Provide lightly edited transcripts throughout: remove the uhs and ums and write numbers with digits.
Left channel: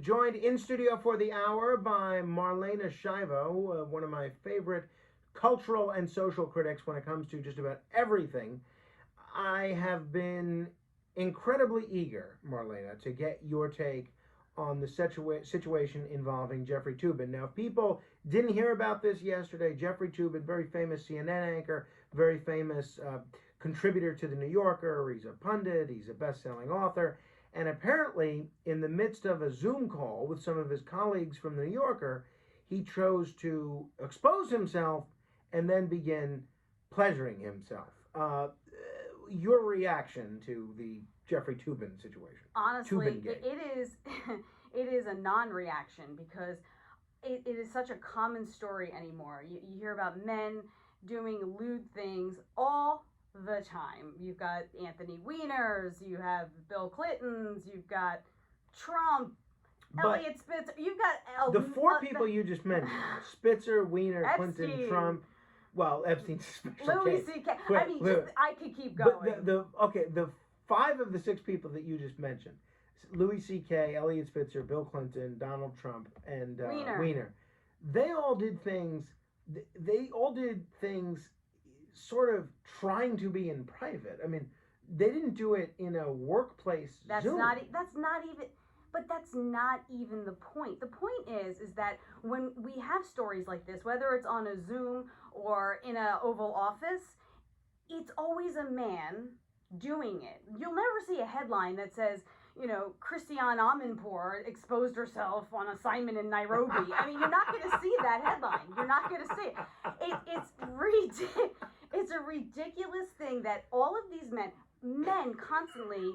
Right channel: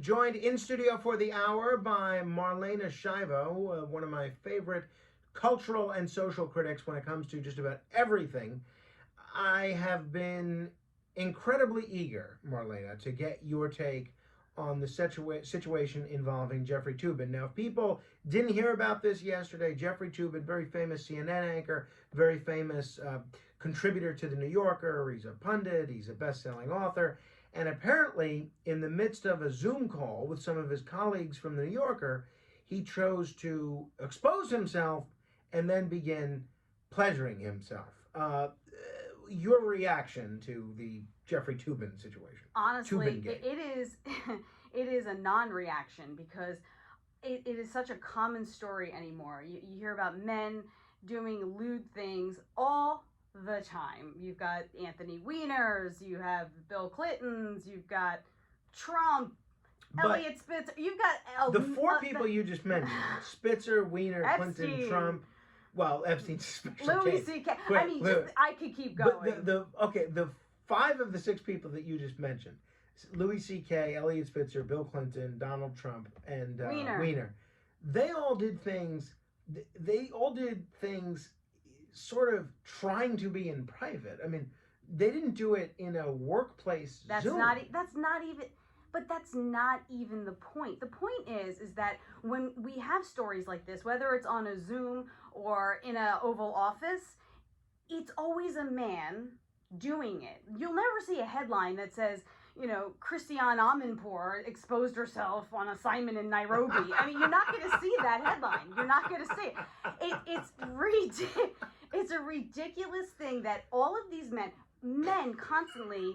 Joined in studio for the hour by Marlena Shivo, one of my favorite cultural and social critics when it comes to just about everything. I have been incredibly eager, Marlena, to get your take on the situation involving Jeffrey Toobin. Now, if people didn't hear about this yesterday, Jeffrey Toobin, very famous CNN anchor, very famous contributor to The New Yorker. He's a pundit, he's a best-selling author. And apparently, in the midst of a Zoom call with some of his colleagues from The New Yorker, he chose to expose himself and then begin pleasuring himself. Your reaction to the Jeffrey Toobin situation? Honestly, it is it is a non-reaction because it is such a common story anymore. You hear about men doing lewd things all the time. You've got Anthony Weiners, you have Bill Clintons, you've got Trump, Elliot Spitzer, you've got the four people you just mentioned: Spitzer, Weiner, Epstein, Clinton, Trump. Well, Epstein's special Louis C.K. I mean, I could keep going. But the 5 of the 6 people that you just mentioned: Louis C.K., Elliot Spitzer, Bill Clinton, Donald Trump, and Weiner. They all did things. They all did things, sort of trying to be in private. I mean, they didn't do it in a workplace. That's Zoom. That's not even. But that's not even the point. The point is that when we have stories like this, whether it's on a Zoom or in an Oval Office, it's always a man doing it. You'll never see a headline that says, Christiane Amanpour exposed herself on assignment in Nairobi. I mean, you're not going to see that headline. You're not going to see it. It's a ridiculous thing that all of these men constantly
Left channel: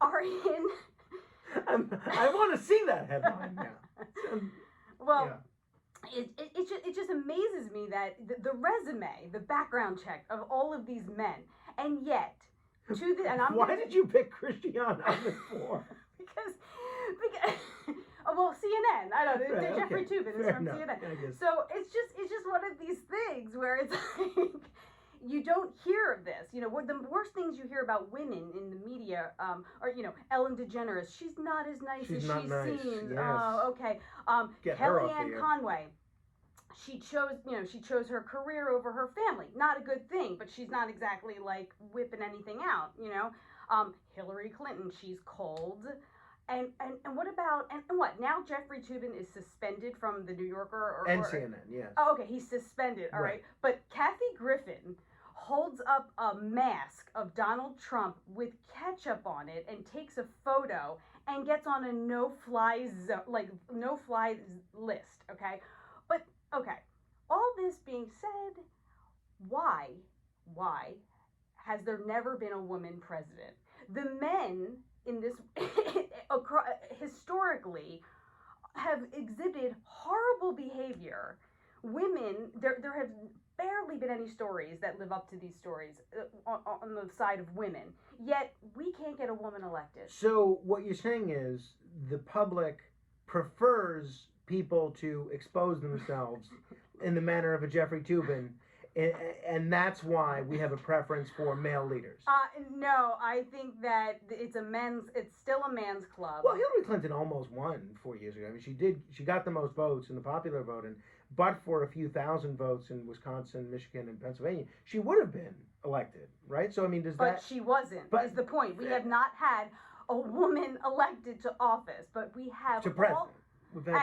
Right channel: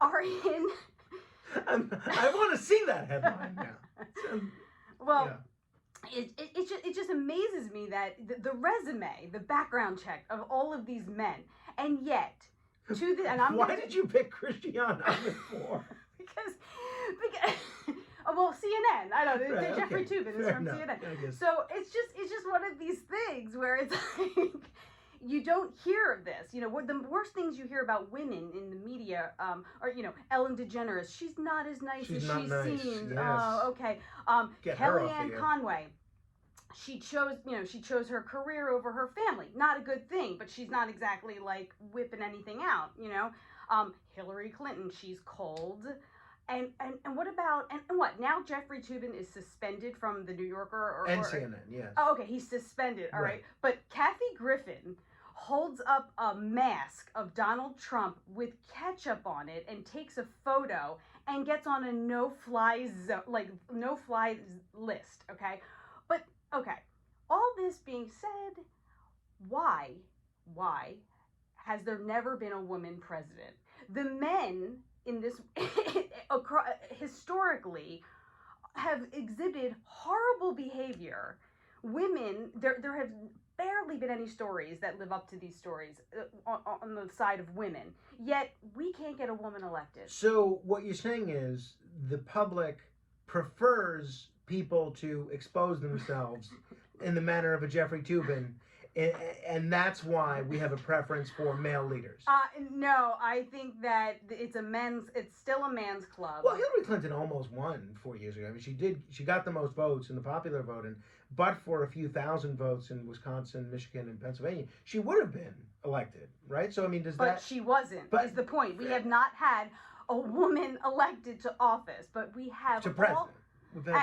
are in... I want to see that headline now. Well, yeah. It just amazes me that the resume, the background check of all of these men, and yet why did you pick Christiane Amanpour? because well, CNN. I don't know. Right, Jeffrey Toobin is from CNN. So it's just one of these things where it's like. You don't hear of this. The worst things you hear about women in the media are, Ellen DeGeneres. She's not as nice as she seems. Yes. Oh, okay. Kellyanne Conway. She chose her career over her family. Not a good thing, but she's not exactly like whipping anything out, Hillary Clinton, she's cold. And what about, and what, now Jeffrey Toobin is suspended from The New Yorker? And CNN, yes. Oh, okay, he's suspended, all right. But Kathy Griffin holds up a mask of Donald Trump with ketchup on it and takes a photo and gets on a no-fly list, okay? But, okay, all this being said, why has there never been a woman president? The men in this, historically, have exhibited horrible behavior. Women, there have barely been any stories that live up to these stories on the side of women. Yet, we can't get a woman elected. So, what you're saying is the public prefers people to expose themselves in the manner of a Jeffrey Toobin, and that's why we have a preference for male leaders. No, I think that it's still a man's club. Well, Hillary Clinton almost won 4 years ago. I mean, she got the most votes in the popular vote, but for a few thousand votes in Wisconsin, Michigan, and Pennsylvania, she would have been elected, right? So, I mean, But she wasn't, is the point. We have not had a woman elected to office, but we have... To president.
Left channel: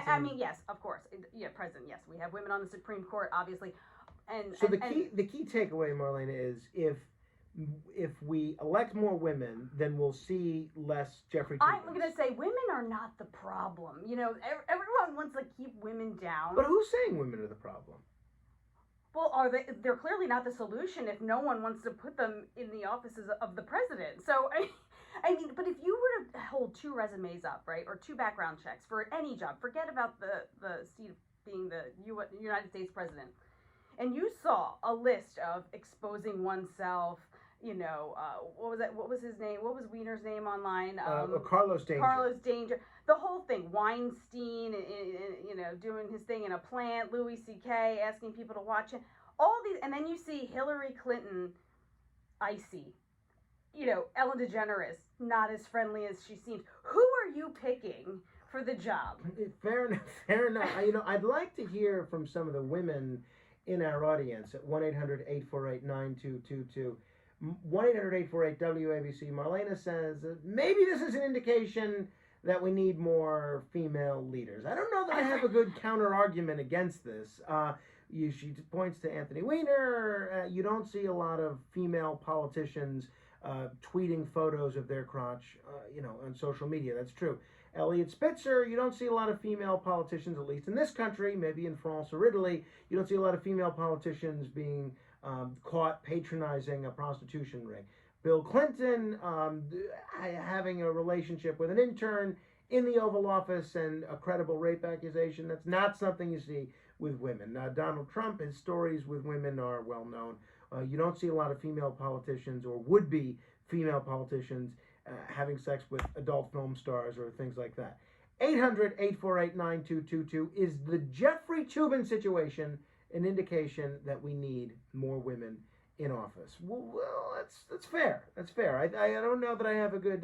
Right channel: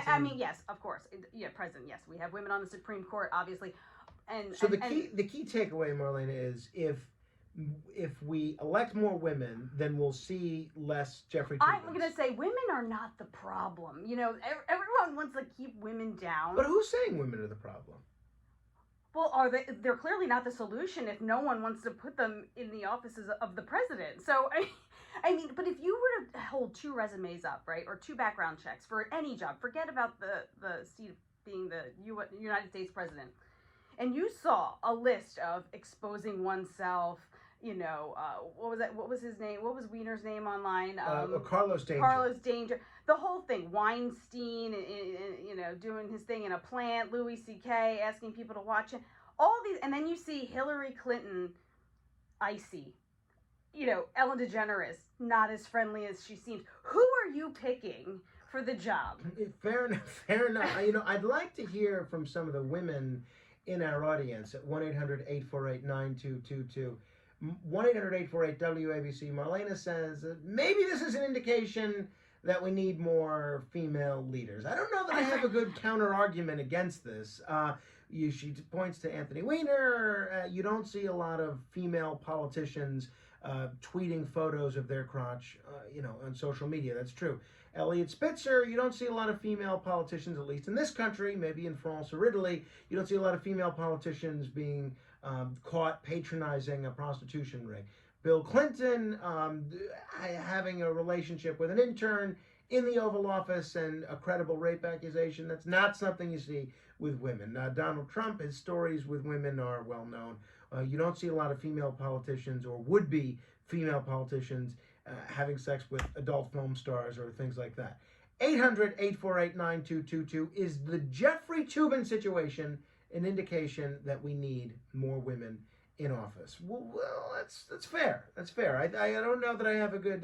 I mean, yes, of course. Yeah, president, yes. We have women on the Supreme Court, obviously. The key takeaway, Marlena, is if we elect more women, then we'll see less Jeffrey Toobin. I'm going to say women are not the problem. Everyone wants to keep women down. But who's saying women are the problem? Well, they're clearly not the solution if no one wants to put them in the offices of the president. So, I mean, but if you were to hold 2 resumes up, right, or 2 background checks for any job, forget about the seat of being the United States president, and you saw a list of exposing oneself, what was his name? What was Weiner's name online? Carlos Danger. Carlos Danger. The whole thing. Weinstein, doing his thing in a plant. Louis C.K. asking people to watch it. All these, and then you see Hillary Clinton, icy. Ellen DeGeneres, not as friendly as she seems. Who are you picking for the job. Fair enough. Fair enough. I'd like to hear from some of the women in our audience at 1-800-848-9222. 1-800-848-WABC. Marlena says maybe this is an indication that we need more female leaders. I don't know that I have a good counter argument against this. She points to Anthony Weiner. You don't see a lot of female politicians tweeting photos of their crotch, on social media. That's true. Elliot Spitzer, you don't see a lot of female politicians, at least in this country, maybe in France or Italy. You don't see a lot of female politicians being caught patronizing a prostitution ring. Bill Clinton having a relationship with an intern in the Oval Office and a credible rape accusation. That's not something you see with women. Donald Trump, his stories with women are well known. You don't see a lot of female politicians or would-be female politicians having sex with adult film stars or things like that. 800-848-9222. Is the Jeffrey Toobin situation an indication that we need more women in office? Well, that's fair. That's fair. I don't know that I have a good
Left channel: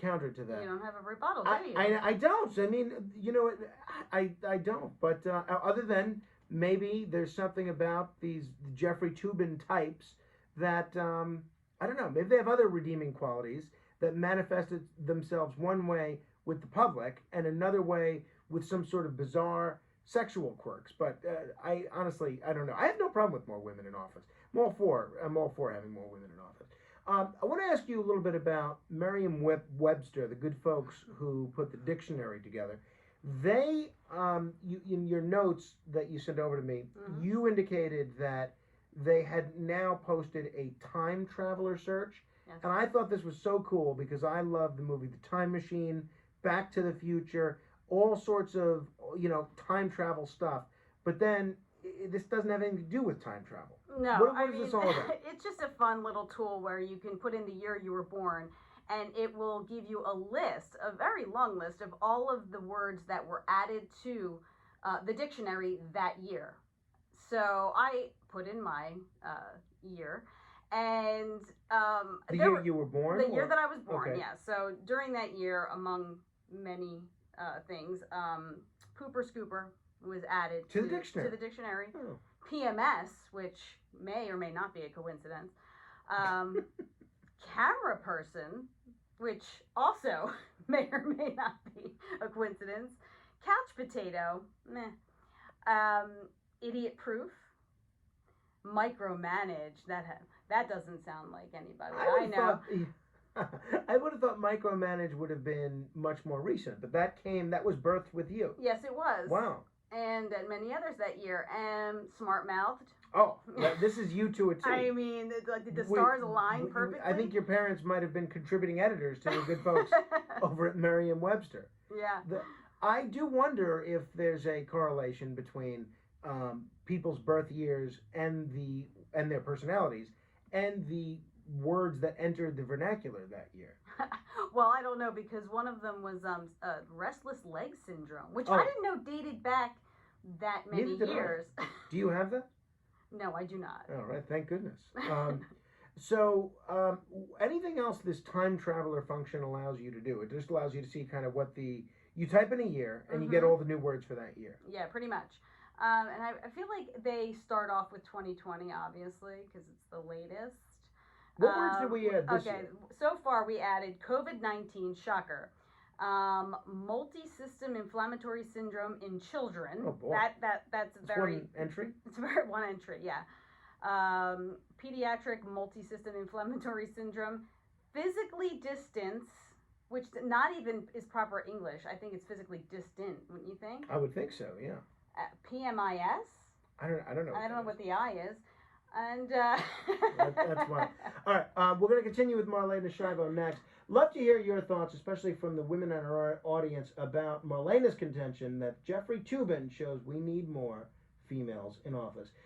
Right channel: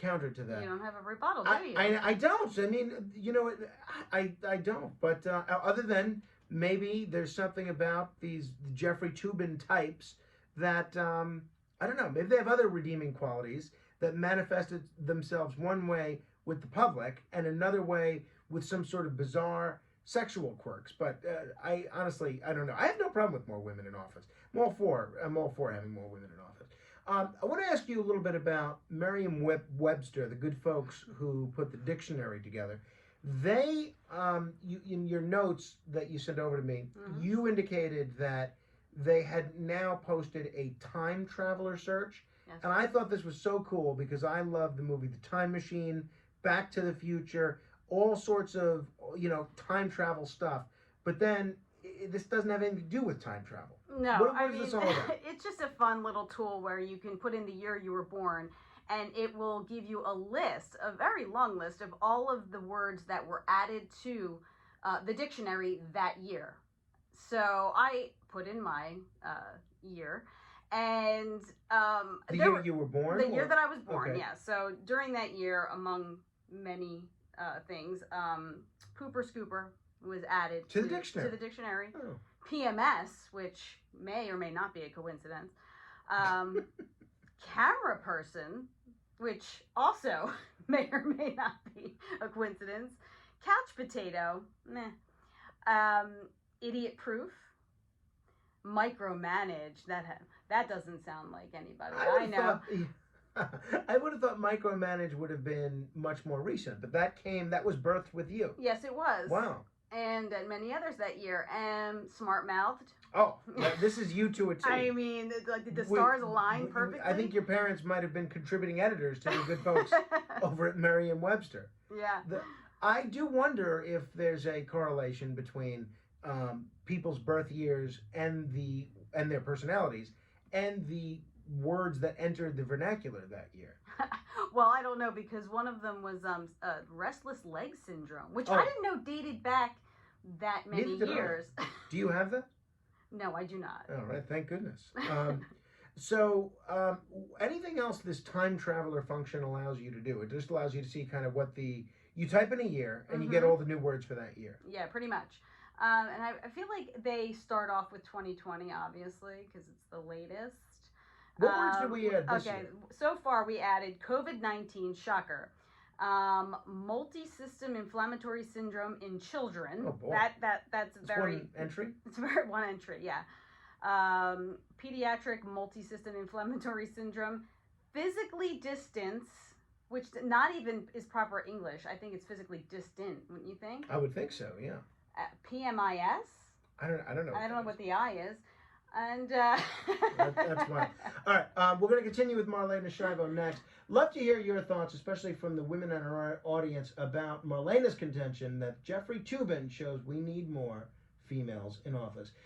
counter to that. You don't have a rebuttal, do you? I don't. I mean, I don't. But other than maybe there's something about these Jeffrey Toobin types that I don't know. Maybe they have other redeeming qualities that manifested themselves one way with the public and another way with some sort of bizarre sexual quirks. But I honestly don't know. I have no problem with more women in office. I'm all for having more women in office. I want to ask you a little bit about Merriam-Webster, the good folks who put the dictionary together. They, in your notes that you sent over to me, you indicated that they had now posted a time traveler search. Yes. And I thought this was so cool because I love the movie The Time Machine, Back to the Future, all sorts of, time travel stuff. But then this doesn't have anything to do with time travel. No, What is this all about? It's just a fun little tool where you can put in the year you were born, and it will give you a very long list of all of the words that were added to the dictionary that year. So I put in my year, and the year you were born? The year that I was born, Okay. yeah. So during that year, among many things, Pooper Scooper was added To the dictionary. To the dictionary. Oh. PMS, which may or may not be a coincidence. Camera person, which also may or may not be a coincidence. Couch potato, meh. Idiot proof. Micromanage, that doesn't sound like anybody I know. I would have thought micromanage would have been much more recent, but that was birthed with you. Yes, it was. Wow. And many others that year. Smart-mouthed. Oh, this is you to a T. I mean, did the stars align perfectly? I think your parents might have been contributing editors to the good folks over at Merriam-Webster. Yeah. I do wonder if there's a correlation between people's birth years and their personalities and the words that entered the vernacular that year. Well, I don't know, because one of them was restless leg syndrome, which I didn't know dated back that many years. Do you have that? No, I do not. All right, thank goodness. So anything else this time traveler function allows you to do? It just allows you to see kind of you type in a year and you get all the new words for that year. Yeah, pretty much. And I feel like they start off with 2020, obviously, because it's the latest. What words did we add this year? So far we added COVID-19, shocker. Multi-system inflammatory syndrome in children. Oh boy. That's very one entry? It's very one entry, yeah. Pediatric multi-system inflammatory syndrome. Physically distance, which not even is proper English. I think it's physically distant, wouldn't you think? I would think so, yeah. PMIS. I don't know. I don't know what the I is. And that's why. All right, we're going to continue with Marlena Shivo next. Love to hear your thoughts, especially from the women in our audience, about Marlena's contention that Jeffrey Toobin shows we need more females in office.